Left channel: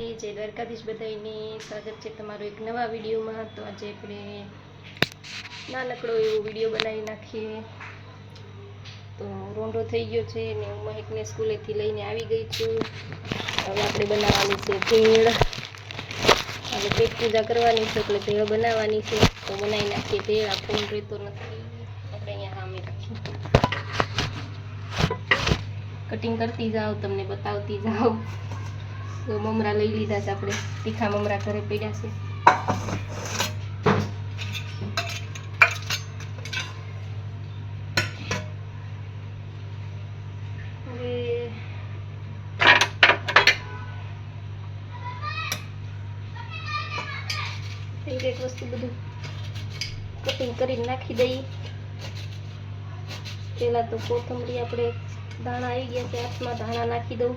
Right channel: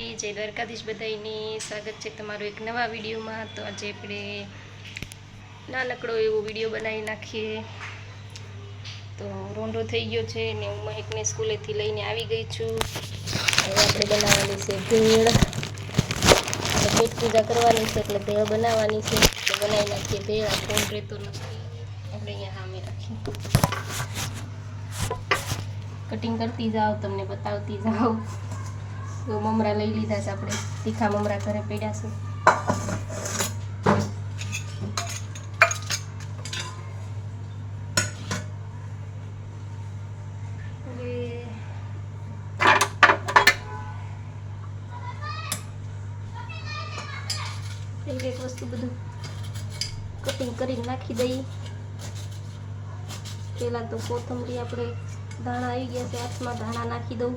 જય દ્વારકાધીશ બધાને સ્વાગત છે તમારો એક નવા વિડીયોમાં। તો આજે આપણે નાનકડો એવો વિડીયો બનાવી નાખીએ। તો રોંઢો થઈ ગયો છે ને હું મહેકને સ્કૂલેથી લઈને આવી ગઈ છું। હવે આપણે બનાવવાની છે ભેળ। આપણે પેટ પૂજા કરવાની છે એટલે ભેળ બનાવવાની છે। તો બનાવી નાખીએ ભેળ। આ ફોન રહેતો નથી, આપણે અહીંયા સામે રાખીએ, કટિંગ કરતી જાઓ, તમને બતાવતી જાઓ। તો મમરા લઈ લીધા છે આપણે, તીખા મમરા ઘરે પડ્યા છે। હવે એક વસ્તુ બધું કટિંગ કરીને નાખી દઈએ। પહેલા તો કોથમરી આપણે ધાણા આવી ગયા છે હાથમાં, ધાણા નાખી દઉં।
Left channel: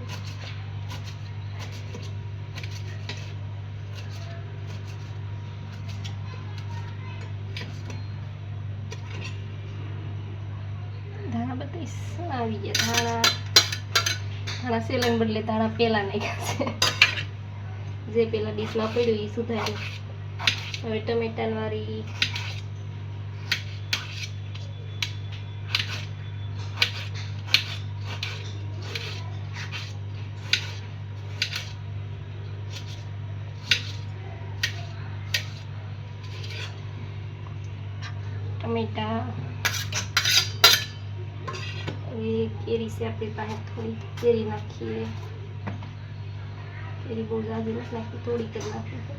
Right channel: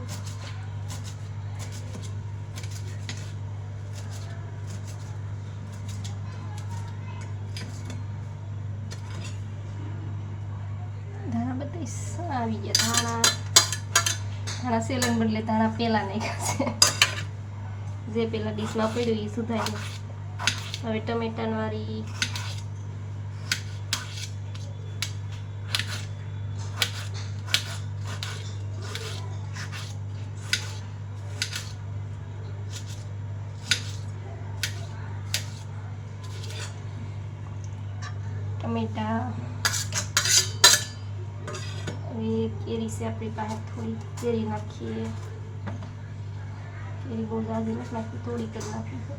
આવી ગયા ધાણા સેલન બદલે ધાણા પેલા નાખ્યા છે, જે પેલા ડીશમાં પડ્યું એ સુધાર્યું। હવે ટમેટાની વારી, ટમેટા, केरी से अपने पास थोड़ी केरी नाखी, केरी बहुत ज़्यादा नहीं नाखी, थोड़ी कर नाखी है।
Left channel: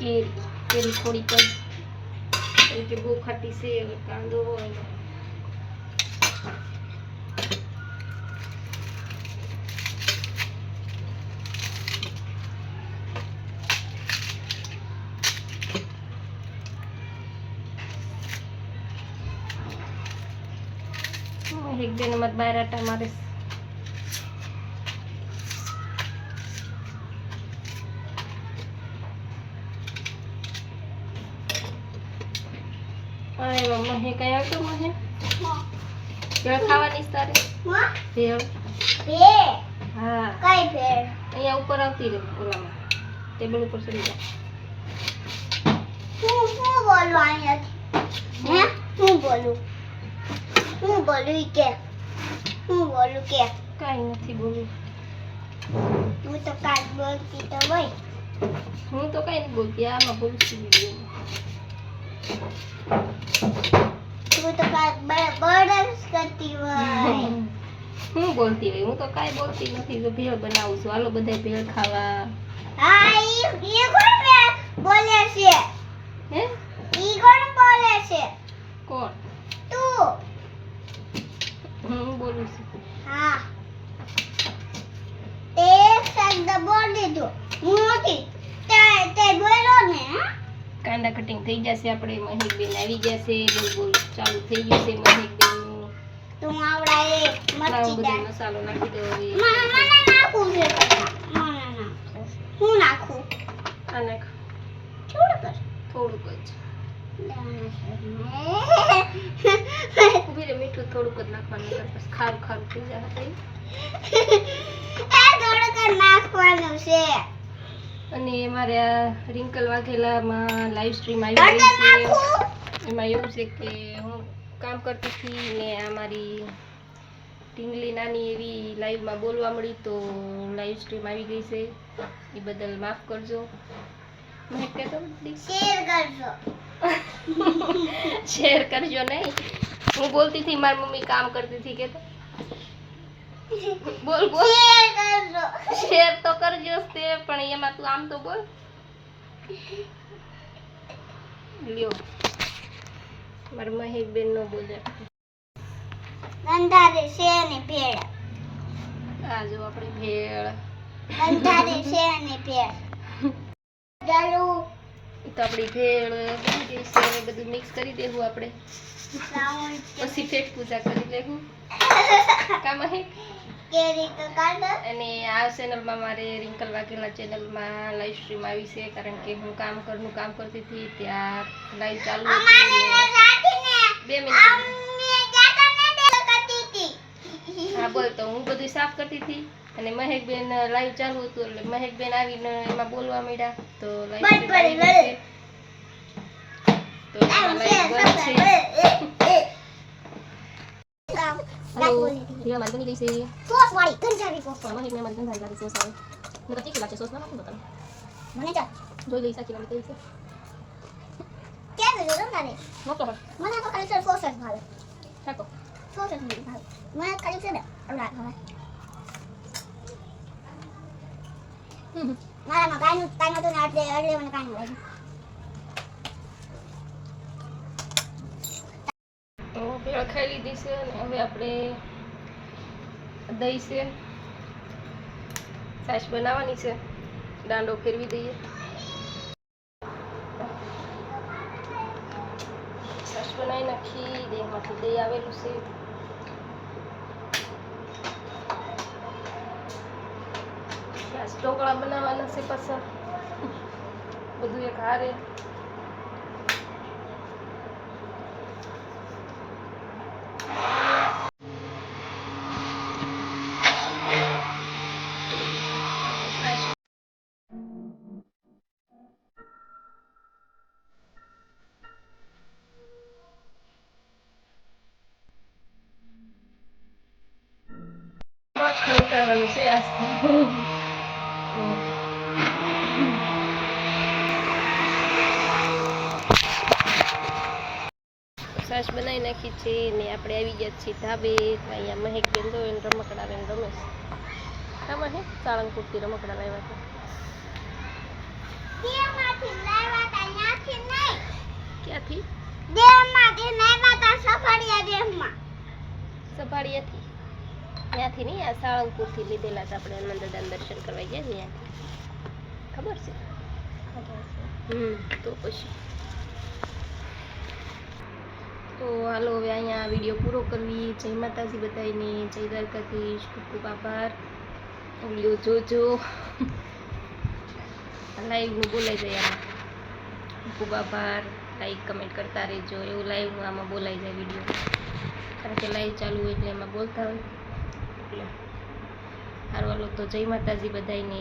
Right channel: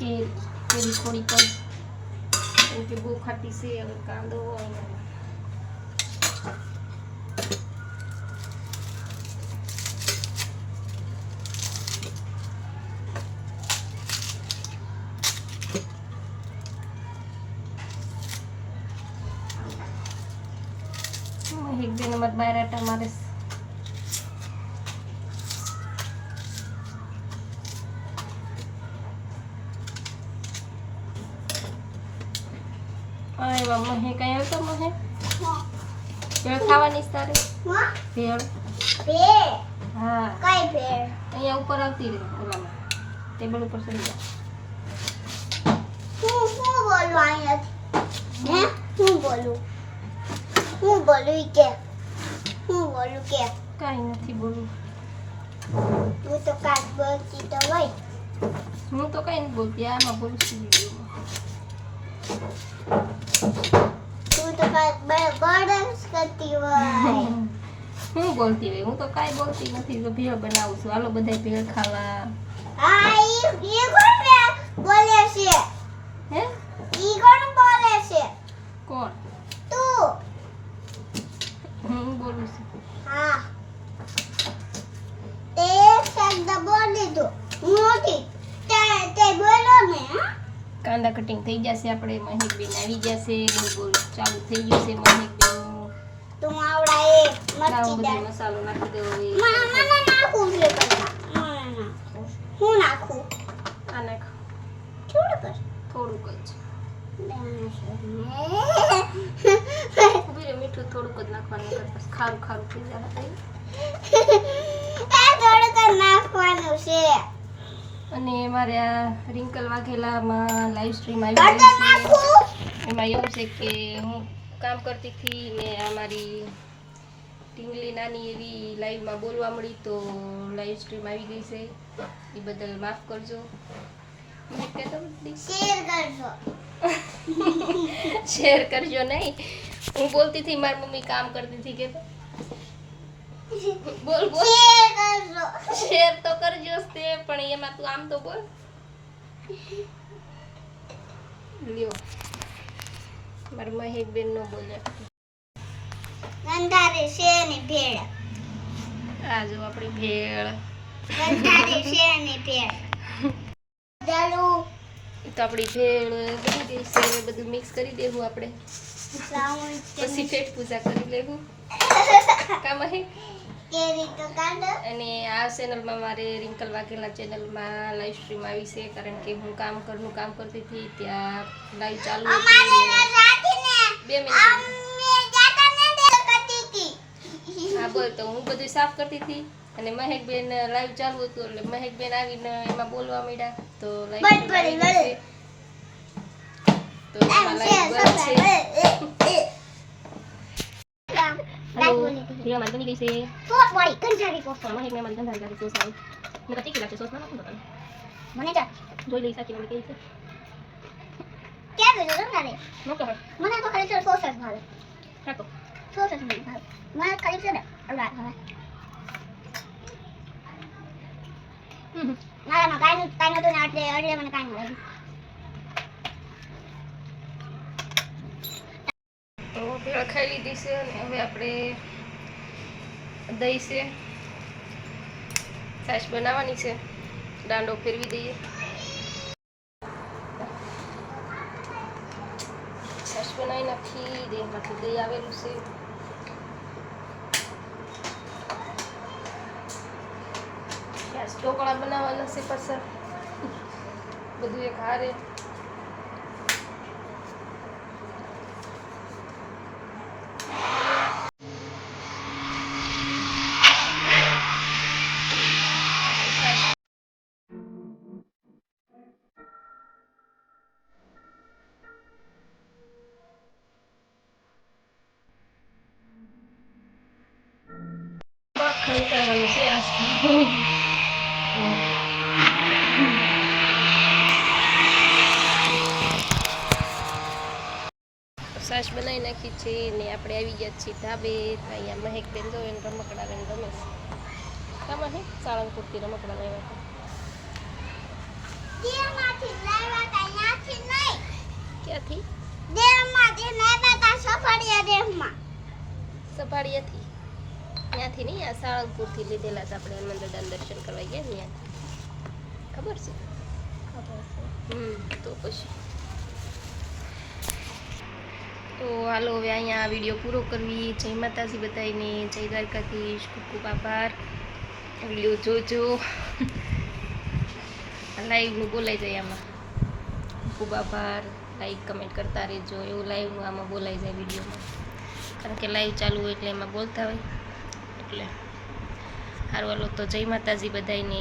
केरी थोड़ी कर કે બહુ ખાટી છે। હવે કાંદો એક બે નંબર બાયરાટા મારે अरे मम्मा है कहीं और तो महे भेड़ खावानी तारे भेड़ भेड़ हाँ कई भेड़ અહીંયા ઉપર આવતી રે ઓલામાં ટેબલ ઉપર ચડી જા। હું બોલું અહીંયા હે હું બોલું કે કાઈ નથી બોલું। તું તો કાટ બોલતી તો હોય, હું તો કાઈ નહીં બોલતી, આમાં બોલું છું વિડિયોમાં। तू तो काय बर्डन्स करती હોય, હું બોલતી રહી, હું તો કાઈ બોલતી નથી। જો ભેળ બનાવું છું, હાલો બધાય ભેળ ખાવા। હા ઈ કોણ બોલે છે હે? ઈ કોણ બોલે છે? કોણ? તું। હું બોલું છું। હા તે શબ્દ બોલી દો, મોટી તે બોલો ને। કાંદા કટિંગ થઈ જશે આપણે, મહેકબેન આવી જશે, બોલ બોલ ચાલુ થઈ ગયું છે મહેકબેનનું। તું આવડા એ મરચી મસાલો નાખી દો। હવે મને નાખું છે, હું નાખું આ નાખ થોડુંક જ ઉભી રે, મીઠું થોડુંક જ નાખવાનું, પછી ખારું ખારું થઈ જાય। થોડુંક જ નાખવાનું છે। અને મારે આ રિંકલ વાઘેલામાં લાઈવ સ્ટ્રીમ આવી ગઈ છે। એમાં એવું છે કે હું કામ કરતી હતી ને આ મારી ટીંગલી નાની એવી લાઈવમાં બોલવા મળી, તો લાઈવ સ્ટ્રીમ આવી ગઈ છે, એ બદલ માફ કરજો। શેર કરજો નહીં, હું બોલતી હતી મારી મમ્મી કામ કરતી હતી, કે બોલ બોલ શેર તો કરજો તે, પણ એમાં તું આમ તો બોલ। લ્યો માર મહેકબેન નો બોલે અંધારે છે ને ભેળ। આ જો આપણી ભેળ અંધારે છે ને ભેળ ચાલો। તો આપણી ભેળ બની ગઈ છે, હવે બધું મિક્સ કરી દેવું આપણે, પછી પેટ પૂજા કરી લેવું। કામ હે અને આ ચેનલમાં મારે રિંકલ વાઘેલા ચેનલમાં લાઈવ સ્ટ્રીમ આવી છે, કારણ કે હું ઘરનું કામ કરતી હતી ત્યાં લાઈવ ચાલુ હતી. 2 મિનિટ. હા બોલ. તો હું બધું સાફ કરતી હતી અને મહેકબેન લાઈવ ચાલુ હતું, એટલે મહેકબેન આવીને એમાં બોલવા માંડ્યા. તો લાઈવ તો લાઈવ બંધ છે. હેલો, હીરા મારી બની ગઈ છે. સોસ વાળી ગંજારી સોસ. મહેક ને મારી ગંધારી લાગે સોસ આવે. નકર તીખી લાગશે સોસ ના નાખું તો તને. મને જા જોઈ લઈ સાકી કેવી છે. કેમ છે ગંજારી? નોતો હે. મને તો ખાલી સોસ જ ભાવે. ખાતો. સોસ જ મને ભાવે. મને ખાલી છે ને અલગ ભાવે. મારામાં કાંઈ નતું ને એટલે મને કાંઈ મળે. તો ભેળ ખાઈ લીધી છે અને હવે આપણે દહીં છે, છાશ બનાવવાની છે, દાંડો ફેરવી દઈએ. છાશ બનાવી નાખી, દેહમાંથી દહીં આવેલું છે. ઢોકળા બનાવવાના છે પાછા, બધું એક હારે. ખવડાવવાનું છે આ છાશ બનાવી નાખી છે ને આપણે આવી ગયા છીએ ધાબે. અહીંયા મહેકબેન જો એને રમકડા લઈને રમે છે. આમાં હે સાળંગપુરથી રમકડા લાવ્યા હતા. દેવમાંથી લાવ્યા તા ત્યાંથી નહીં. ક્યાંથી? દેવમાંથી લાવ્યા તા સફાળિયા દેવમાં. સફાળિયાથી? ત્યાંથી નહીં, આ સાળંગપુરથી લીધેલા હતા આપણે હનુમાન દાદાના દર્શન કરવા ગયા ને ત્યાંથી. ખબર છે? તો પછી તો હાલો હવે અહીંયા વિડીયો પૂરો કરવી. જય માતાજી બધાઈને, જય દ્વારકાધીશ, ખૂબ ખૂબ આભાર. વિડીયો જોજો. લાઈવનું બોલાઈ જાય આમાં. ખૂબ આભાર. લાઈક કમેન્ટ કરતા રહેજો. એવું લાઈવનું આમાં બોલાઈ જાય વિડીયોમાં, કારણ કે લાઈવ ચાલુ હોય એટલે એમાં બોલતા હોય એટલે. સારું હાલો તો જય માતાજી બધાઈને.